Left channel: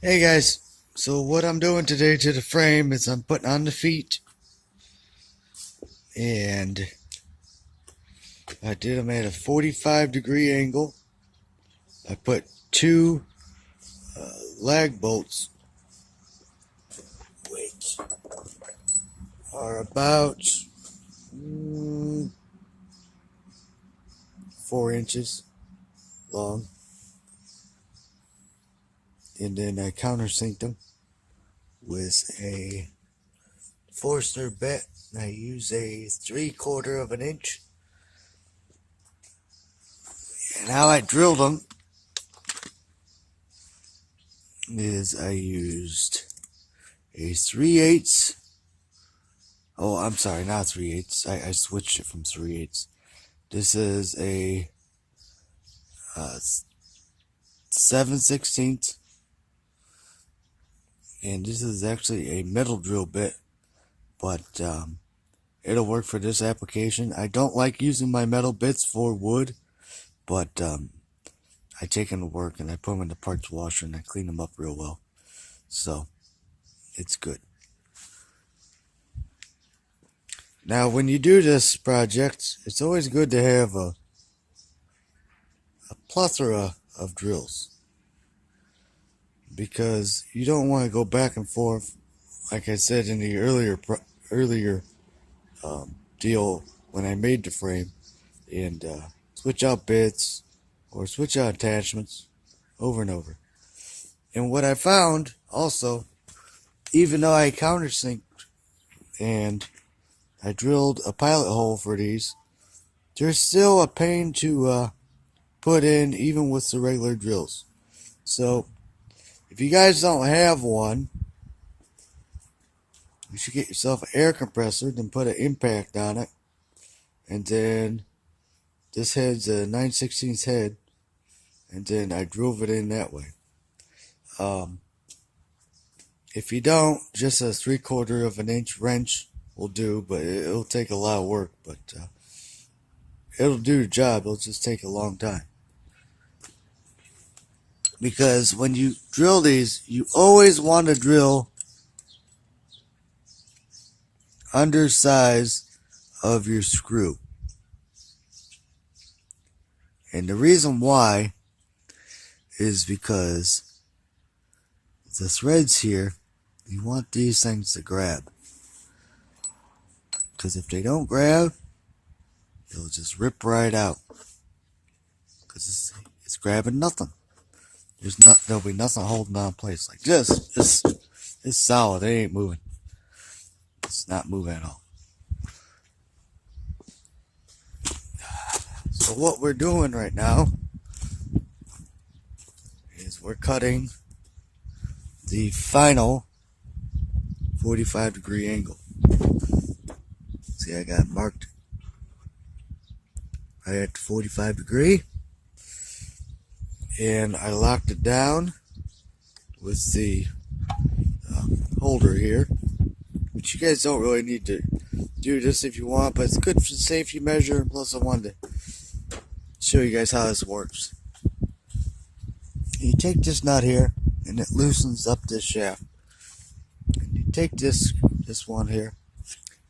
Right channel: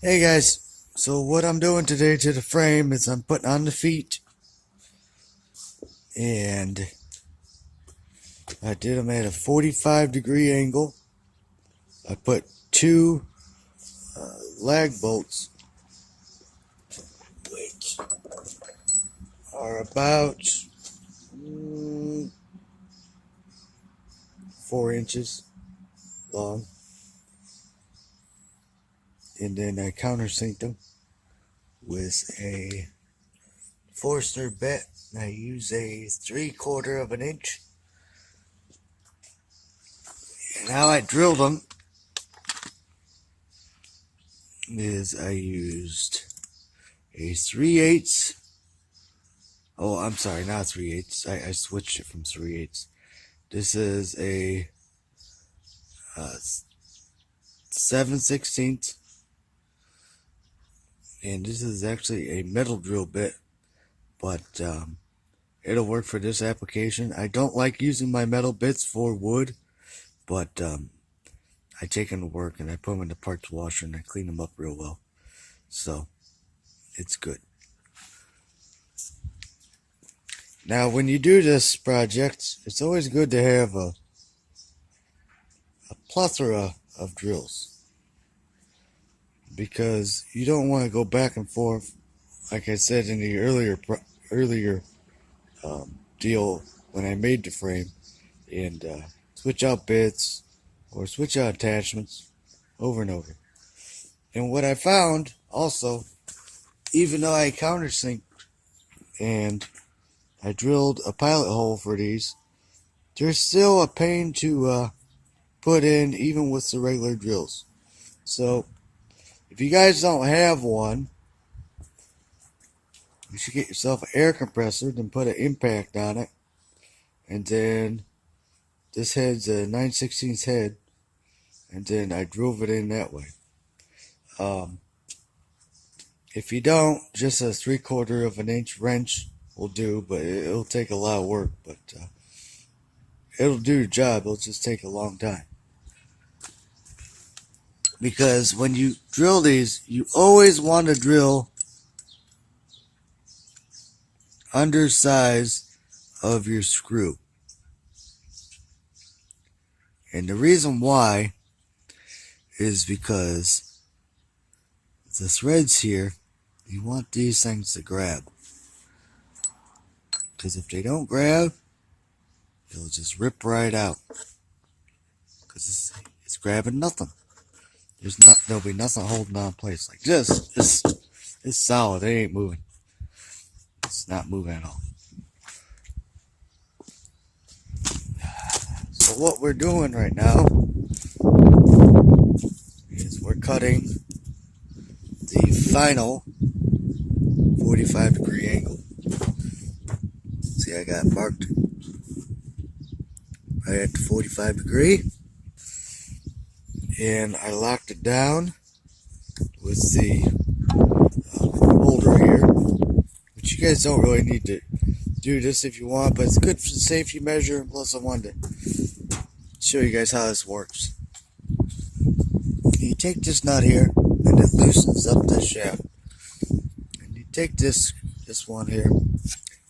Hey guys, so what I'm doing today to the frame is I'm putting on the feet, and I did them at a 45-degree angle. I put two lag bolts, which are about 4 inches long, and then I countersinked them with a Forstner bit. I use a 3/4 of an inch, and how I drilled them is I used a 3/8. Oh, I'm sorry, not 3/8. I switched it from 3/8. This is a 7/16, and this is actually a metal drill bit, but it'll work for this application. I don't like using my metal bits for wood, but I take them to work and I put them in the parts washer and I clean them up real well, so it's good. Now, when you do this project, it's always good to have a plethora of drills, because you don't want to go back and forth, like I said in the earlier deal when I made the frame, and switch out bits or switch out attachments over and over. And what I found also, even though I countersinked and I drilled a pilot hole for these, there's still a pain to put in even with the regular drills. So if you guys don't have one, you should get yourself an air compressor, then put an impact on it, and then this head's a 9/16 head, and then I drove it in that way. If you don't, just a 3/4 of an inch wrench will do, but it'll take a lot of work, but it'll do the job. It'll just take a long time. Because when you drill these, you always want to drill undersize of your screw. And the reason why is because the threads here, you want these things to grab. Because if they don't grab, they'll just rip right out. Because it's grabbing nothing. There'll be nothing holding on in place. Like this, it's solid. It ain't moving. It's not moving at all. So what we're doing right now is we're cutting the final 45-degree angle. See, I got marked right at the 45-degree, and I locked it down with the holder here, which you guys don't really need to do this if you want, but it's good for the safety measure, and plus I wanted to show you guys how this works. You take this nut here, and it loosens up this shaft. And you take this one here,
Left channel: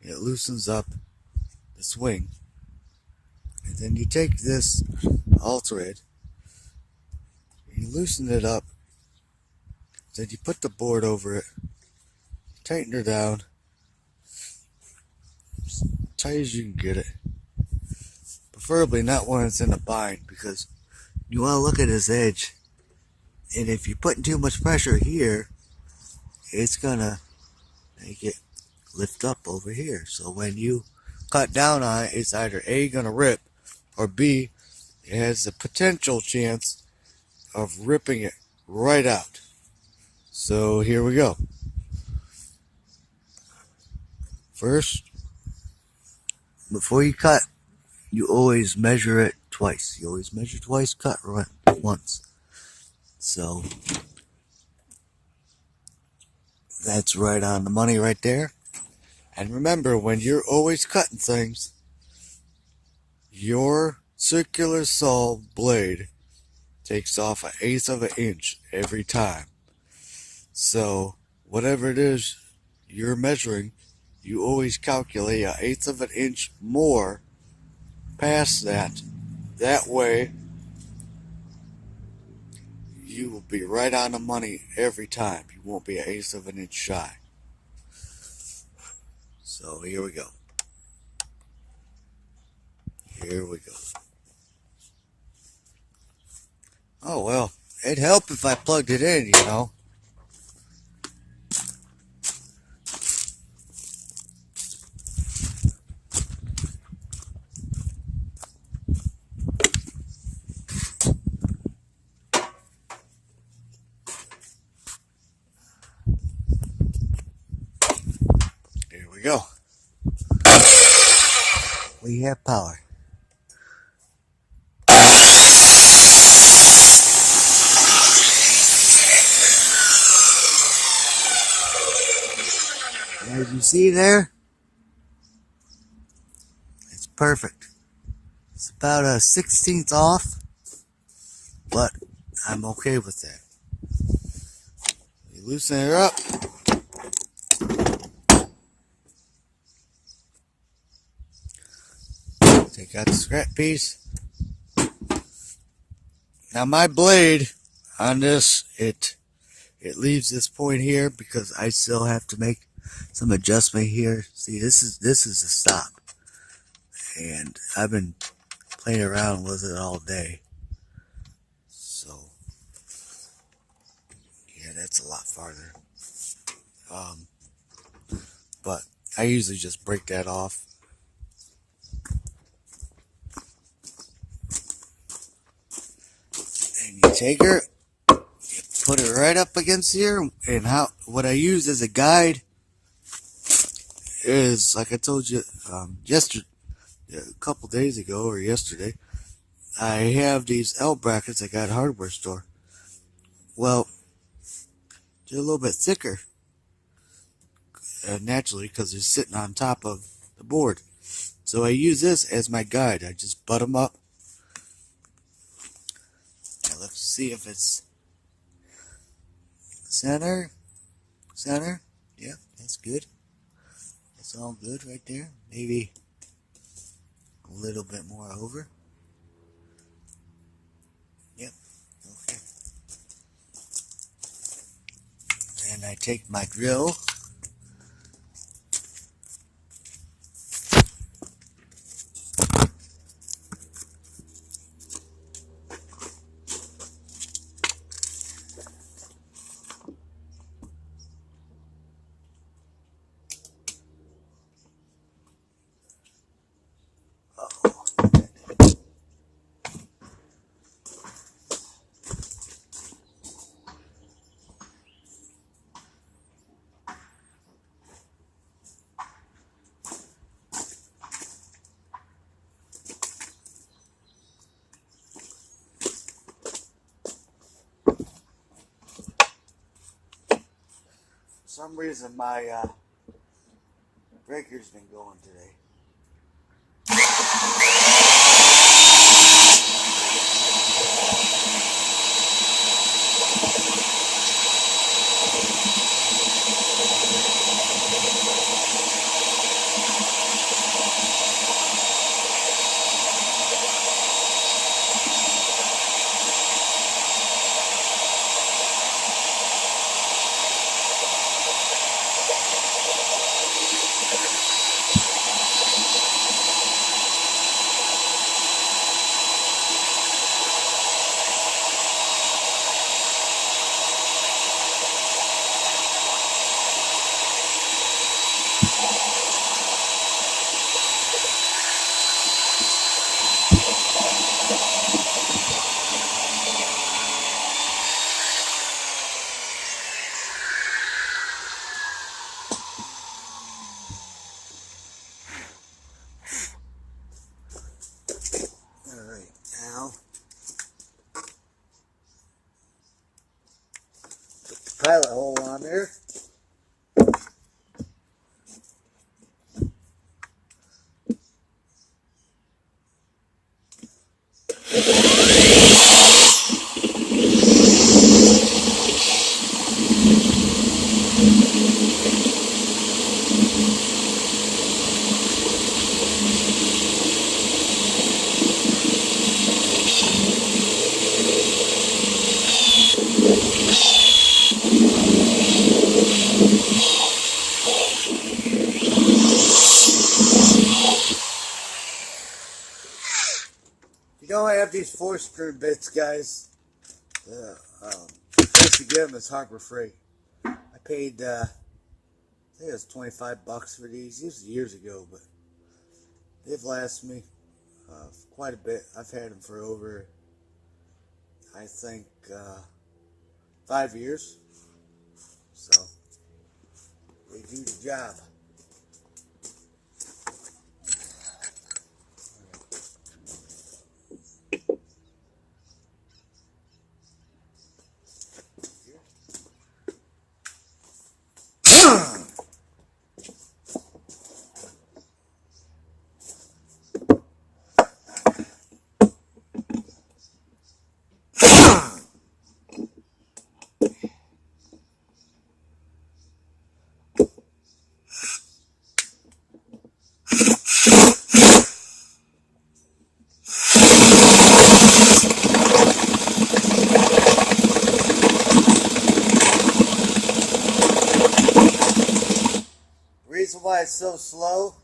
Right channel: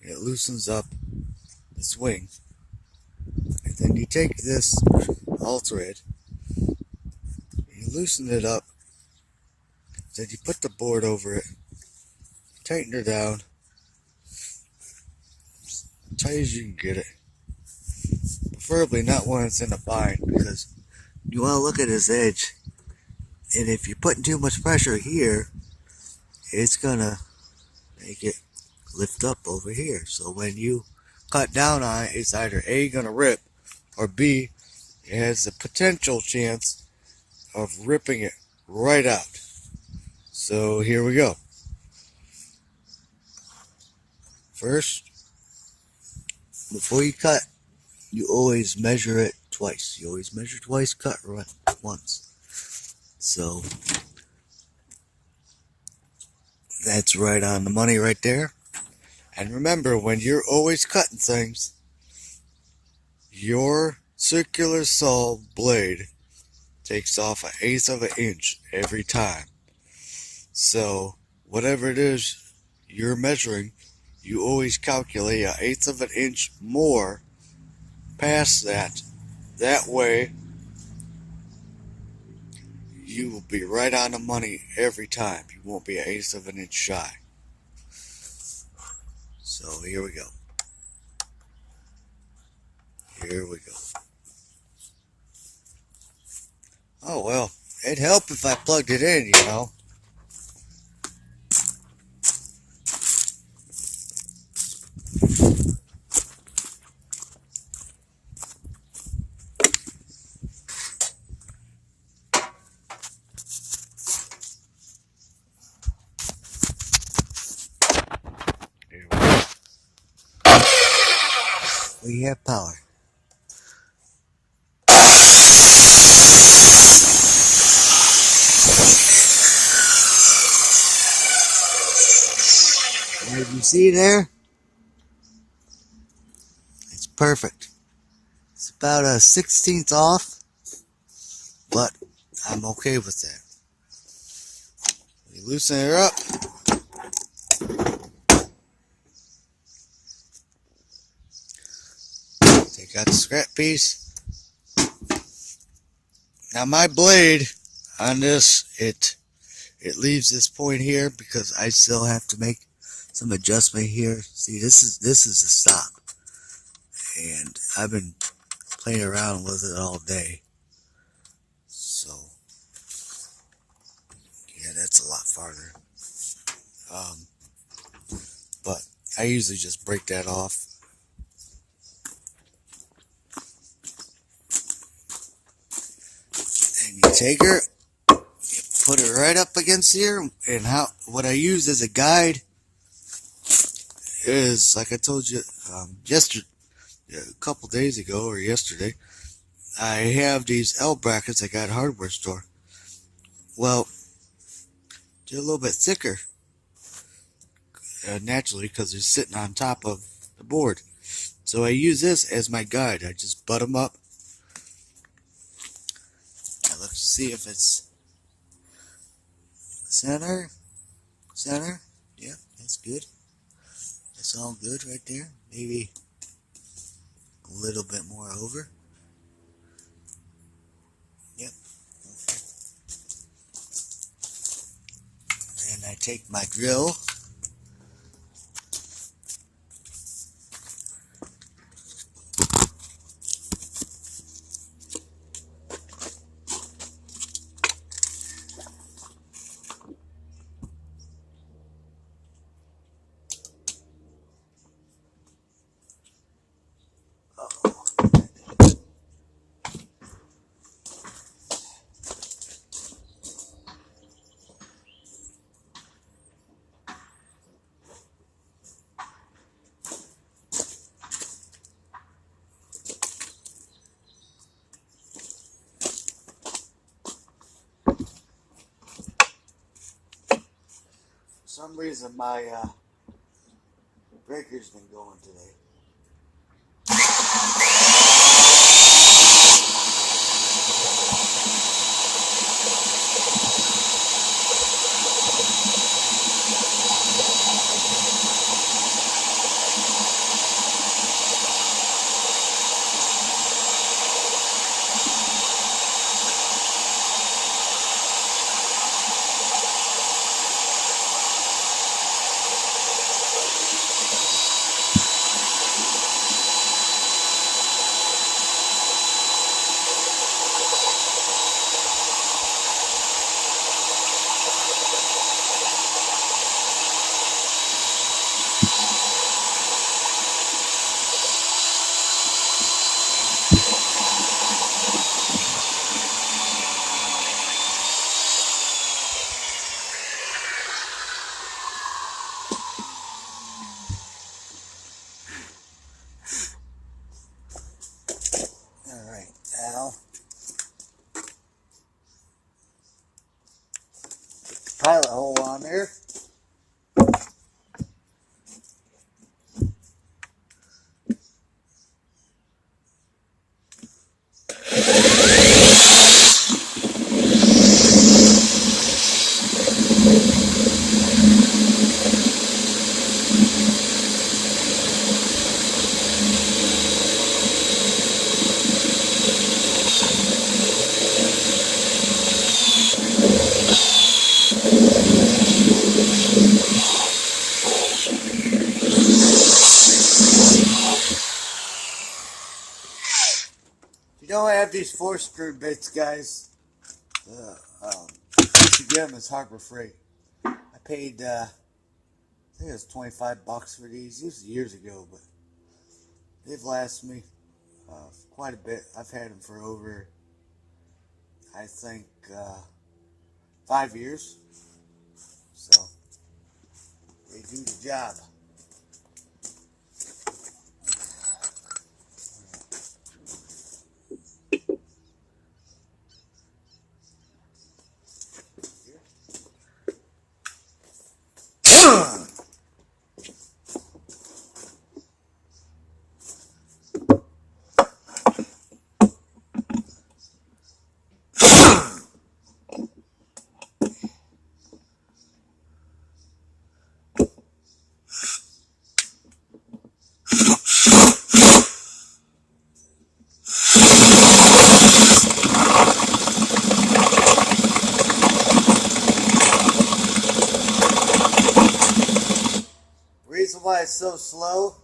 and it loosens up this wing. And then you take this all thread, you loosen it up, then you put the board over it, tighten her down, as tight as you can get it. Preferably not when it's in a bind, because you want to look at this edge, and if you're putting too much pressure here, it's gonna make it lift up over here. So when you cut down on it, it's either A, gonna rip, or B, it has the potential chance of ripping it right out. So here we go. First, before you cut, you always measure it twice. You always measure twice, cut once. So that's right on the money right there. And remember, when you're always cutting things, your circular saw blade takes off 1/8 of an inch every time. So whatever it is you're measuring, you always calculate 1/8 of an inch more past that. That way, you will be right on the money every time. You won't be 1/8 of an inch shy. So here we go. Here we go. Oh well, it'd help if I plugged it in, you know. There we go. We have power. As you see there, it's perfect. It's about a 1/16 off, but I'm okay with that. You loosen her up. Take out the scrap piece. Now my blade on this, it leaves this point here because I still have to make some adjustment here. See, this is the stop, and I've been playing around with it all day. So yeah, that's a lot farther. But I usually just break that off. And you take her, you put it right up against here, and what I use as a guide is, like I told you yesterday, a couple days ago or yesterday, I have these L brackets I got at a hardware store. Well, they're a little bit thicker, naturally, because they're sitting on top of the board. So I use this as my guide. I just butt them up. Now let's see if it's center. Yeah, that's good. That's all good right there. Maybe a little bit more over. Yep. Okay. Then I take my drill. For some reason my breaker's been going today. Alright, now put the pilot hole on there. You don't have these 4-screw bits, guys. Once you get them, it's Harbor Freight. I paid, I think it was $25 for these. This was years ago, but they've lasted me quite a bit. I've had them for over, I think, 5 years. So they do the job. Reason why it's so slow,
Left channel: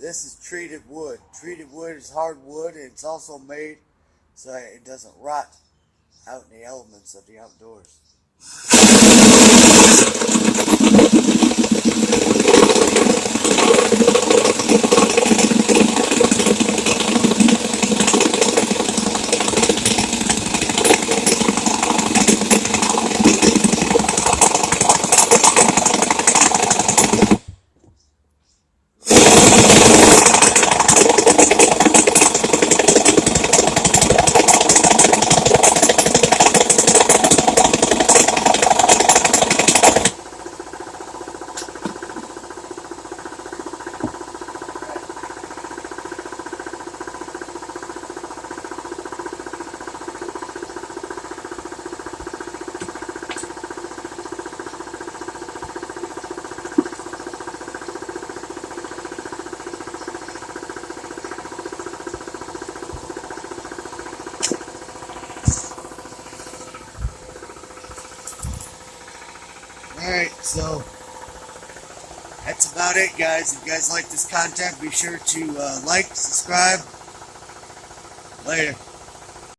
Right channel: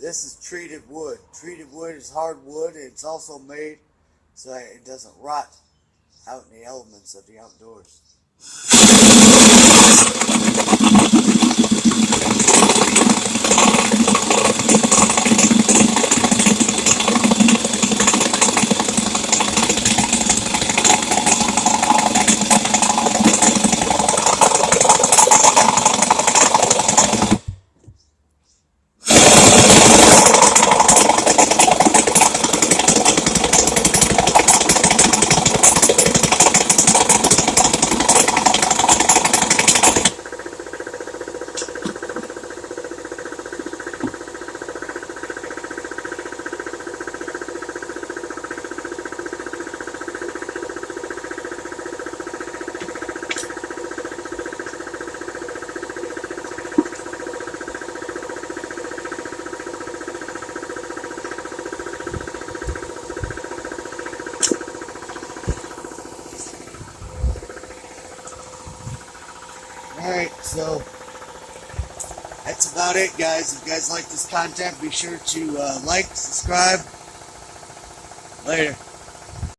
this is treated wood. Treated wood is hard wood, and it's also made so that it doesn't rot out in the elements of the outdoors. Alright, so that's about it, guys. If you guys like this content, be sure to like, subscribe. Later.